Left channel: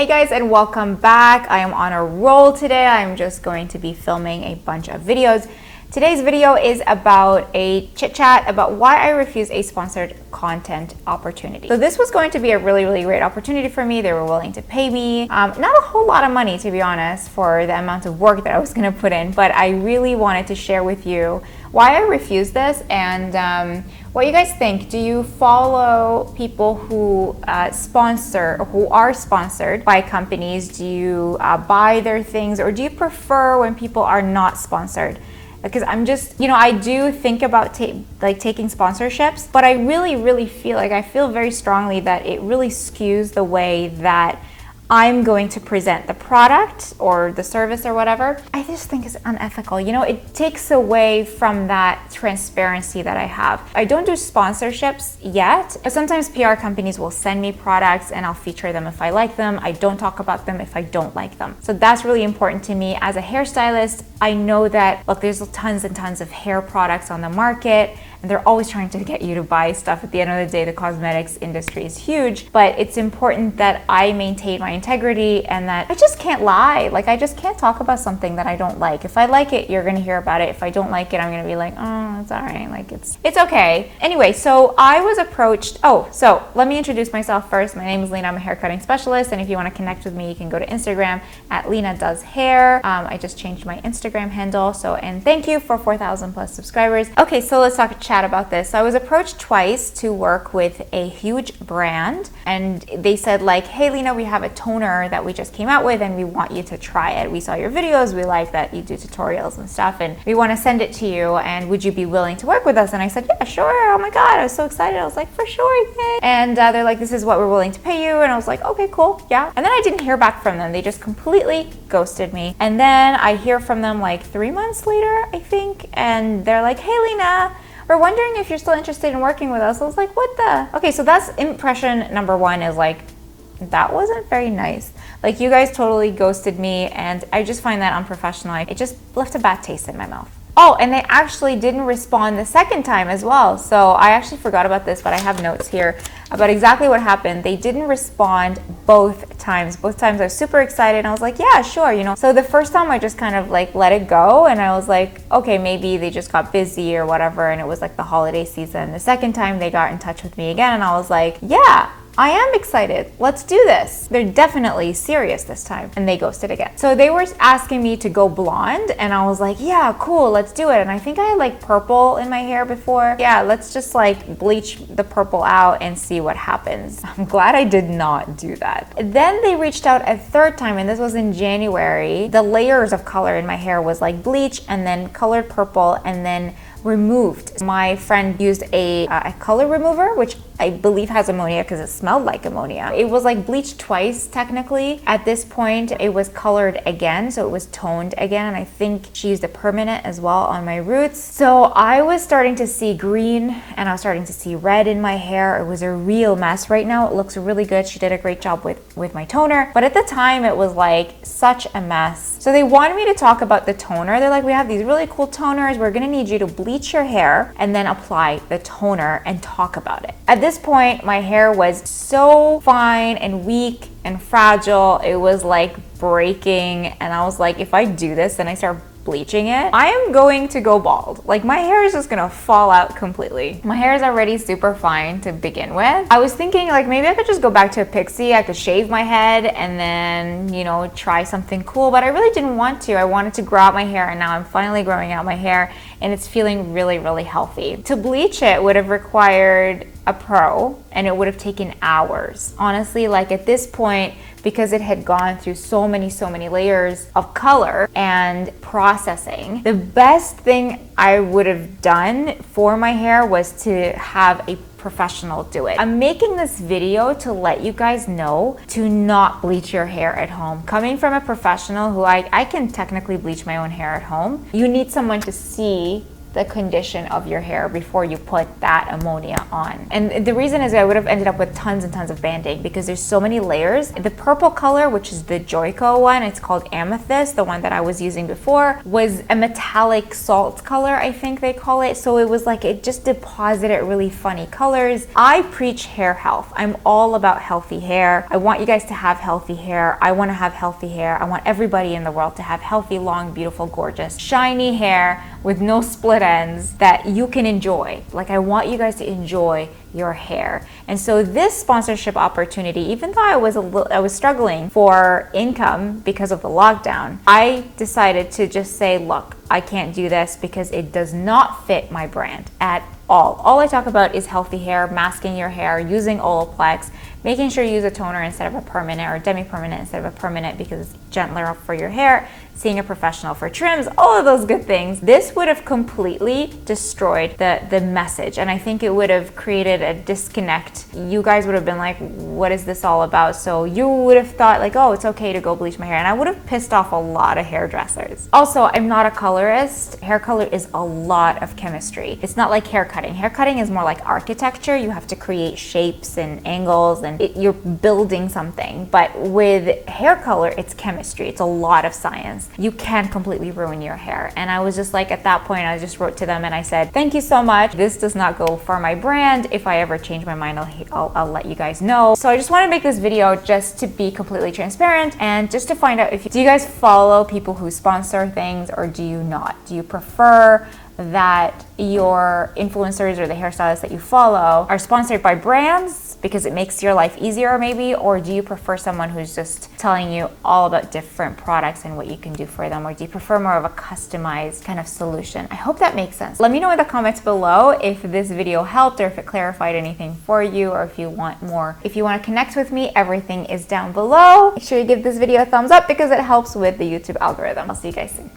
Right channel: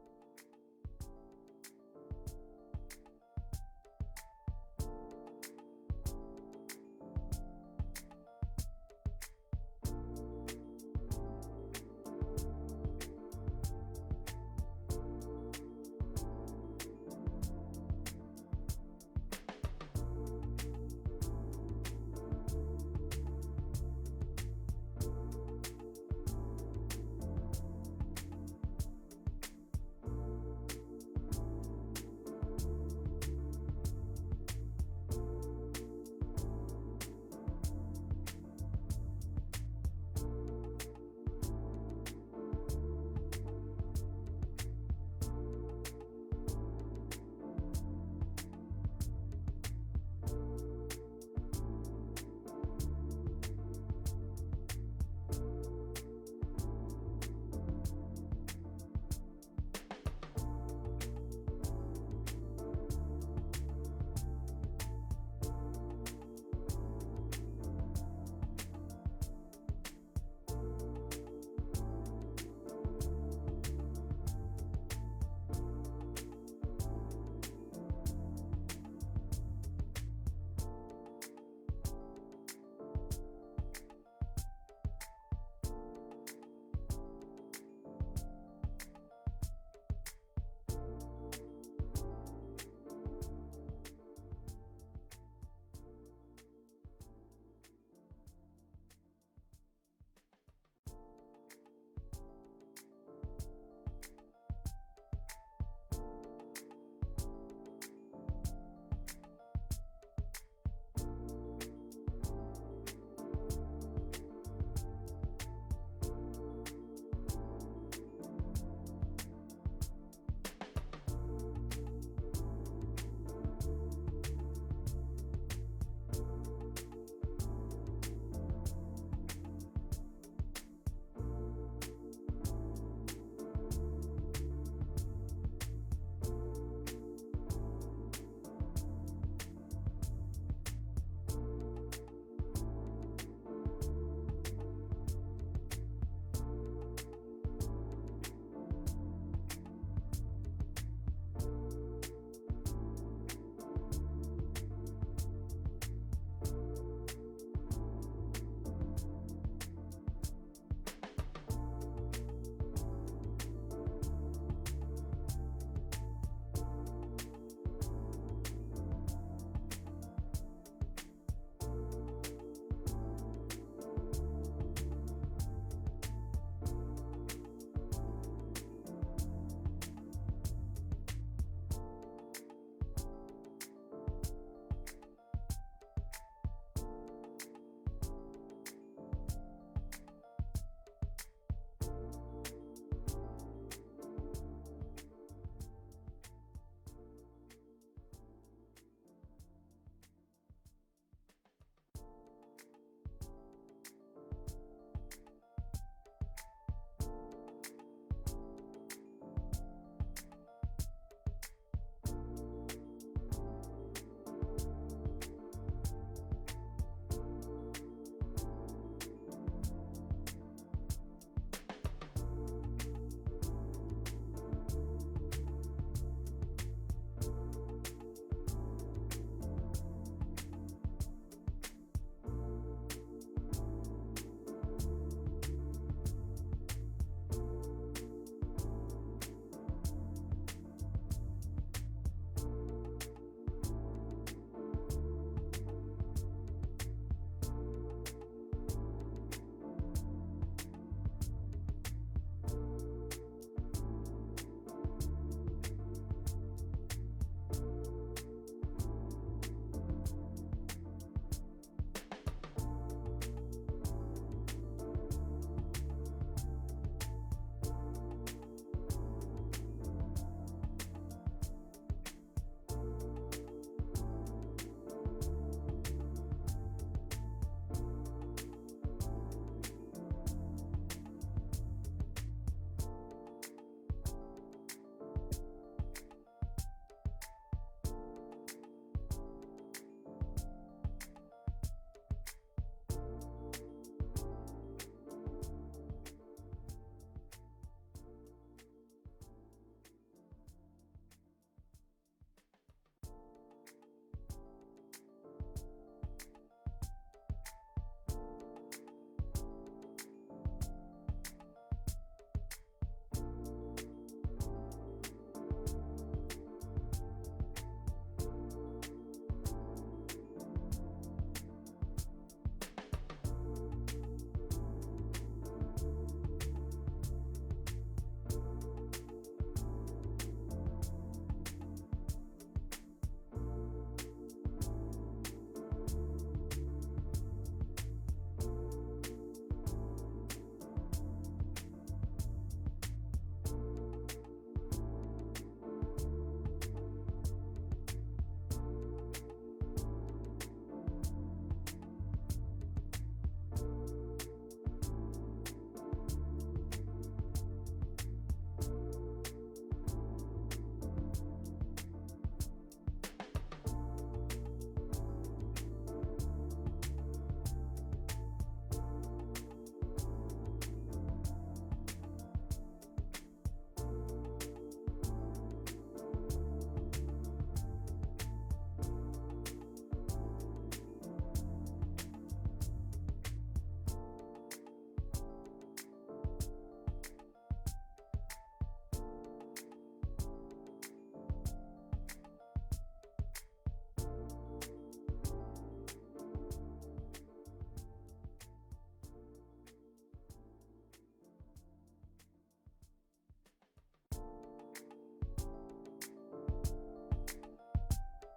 Hey guys, and welcome back. I am on a roll today. I'm just going to be filming a bunch of videos. Today's video is about a chit chat about why I refuse a sponsored content opportunity. So this was going to be a really great opportunity for me. They were willing to pay me, not a whole lot of money to be honest, for the amount of work that I was gonna put in, but I really wanted to share with you why I refused this and what you guys think. Do you follow people who who are sponsored by companies? Do you buy their things, or do you prefer when people are not sponsored? Because I'm just, I do think about taking sponsorships, but I really feel like I feel very strongly that it really skews the way that I'm going to present the product or the service or whatever. I just think it's unethical. It takes away from that transparency that I have. I don't do sponsorships yet, but sometimes PR companies will send me products and I'll feature them if I like them. I don't talk about them if I don't like them. So that's really important to me. As a hairstylist, I know that, look, there's tons and tons of hair products on the market, and they're always trying to get you to buy stuff. At the end of the day, the cosmetics industry is huge, but it's important that I maintain my integrity and that I just can't lie. Like, I just can't talk about something that I don't like. If I like it, you're gonna hear about it. If I don't like it, I'm gonna be like, oh, it's all right. Like, it's okay. Anyway, so I was approached. So let me introduce myself first. My name is Lina. I'm a hair cutting specialist, and if you want to connect with me, you can go to Instagram at Lina Does Hair. I just changed my Instagram handle. And thank you for 4,000 plus subscribers. Okay, so let's chat about this. So I was approached twice to work with a huge brand, and they said like, hey Lina, we have a toner that we just came out with and we want you to try it. We saw your videos, we like that you do tutorials and stuff, and we want to send it to you, and would you be willing to work with us? And I said, yeah, sure. Oh my God, I was so excited. I was like, for sure, yay. And they're like, this is what we're willing to pay you. And I was like, okay, cool, yeah. And then I didn't hear back from them. They just completely ghosted me. And then I hear from them like 3 months later, I think, and they're like, hey Lina, we're wondering if you're still interested in working with us. I was like, what the? Okay, so that's impression number one, is like, that wasn't very nice. Like, you guys totally ghosted me, and I just find that unprofessional. It just left a bad taste in my mouth. Oh, and they actually didn't respond the second time as well. So I actually forgot about this, but I have notes here about exactly what happened. They didn't respond both times. Both times I was super excited and I was like, yeah, sure, So the first time I just kind of like let it go, and I was like, okay, maybe they just got busy or whatever, and it was like the holiday season. The second time they got in touch with me again, and I was like, yeah, I am excited. Let's do this. They're definitely serious this time. And they ghosted again. So they were asking me to go blonde, and I was like, yeah, cool, let's do it. And I think I had like purple in my hair before. Yeah, let's just like bleach the purple out and see what happens. I'm glad I did not do that. Then they reached out a third time, and this was in January. The layers of color in my hair was like bleach and then colored purple and then removed. My friend used a color remover, which I believe has ammonia because it smelled like ammonia. It was like bleached twice technically. At this point, it was colored again, so it was toned again, and I think she used a permanent as well on my roots. So I was starting to see green and I was starting to see red in my hair. It was a real mess. Right now it looks really good. She did a great job with my toner, but at the time it was like such a mess. So they wanted me to talk about the toner. They're like, we have these really cool toners. We're gonna need you to bleach your hair and then apply the toner and talk about it. At this point, my hair was so fine and weak and fragile. It was like breaking, and I was like, if I do this and I start bleaching it, I am going to go bald. Like, my hair is just gonna fall out completely. My hair is already super fine to begin with. I was thinking like maybe I could just go back to a pixie. I could shave my head and then, try something cool, but I really didn't want to. I wanted to grow out my hair, and now I'm finally growing out my hair and it's feeling really healthy. To bleach it would have required a pro, and it would have taken hours. Honestly, like at this point, because it had gone through so many layers of color and processing, the best thing I would have done for my hair was to have a professional do it. I'm making this video to let you guys know to not bleach your hair at home. Coming from a professional who I can technically bleach my own hair at home, you need someone to see the condition of your hair before you put that ammonia on. And the reason is I would have ended up with tons and tons of banding because there's so many layers. The purple color, which is the Joico one, it's called Amethyst, the one that I was using before, was a metallic salt color, I think they call it. So it was like, it just deposited really funny colors. I preach hair health. I'm all about healthy hair. I want you guys to have healthy hair. I want to have healthy hair. I want everybody in the world to have healthy, long, beautiful, gorgeous, shiny hair with no split ends that you can enjoy. Like, I want you guys to enjoy your hair. And so this sponsorship opportunity, even though I was struggling for income because of the lockdown, I decided to just say, look, I can't do this because it does not fit my brand at all. All I talk about is healthy hair, masking your hair, using Olaplex, making sure you use a toner instead of a permanent, or demi-permanent instead of a permanent because it's gentler for your hair, seeing a professional for trims, all of those good things. This would have completely destroyed the message, and I think it would have created a disconnect. You guys would have been like, what is this all about? So you would have thought like, oh, it's okay to go bleach my hair, and I would have pissed off a lot of hairdressers. Also, I'm not a colorist. Hair color is a lot of chemistry. It's not like hair cutting. Hair cutting is more like architecture. You have to create shapes and angles, and you're building something. But with hair color, it's chemistry. It's a lot of science. You can completely ruin your hair. And I was just like, at that point, I just wrote to them and I said, thank you so much. This does not go for my brand. If I ever change my mind, I'll let you guys know. So I just want to make this video just to be completely transparent and just to find out, do you guys follow people who sponsor things or do you not? Do you prefer that your influencers or the hairstylists that you follow are sponsored by brands because it makes your life easier maybe, or do you prefer someone who's just telling you all about different products and what you can do for them, or do you prefer more of a customized kind of solution? I hope that makes sense. Let me know in the comments below if this video helped or if it clarified anything for you, or if you want more. If you want to connect with me, everything is down below. Make sure you give this video a thumbs up because it helps with the YouTube algorithm. I'll see you guys soon.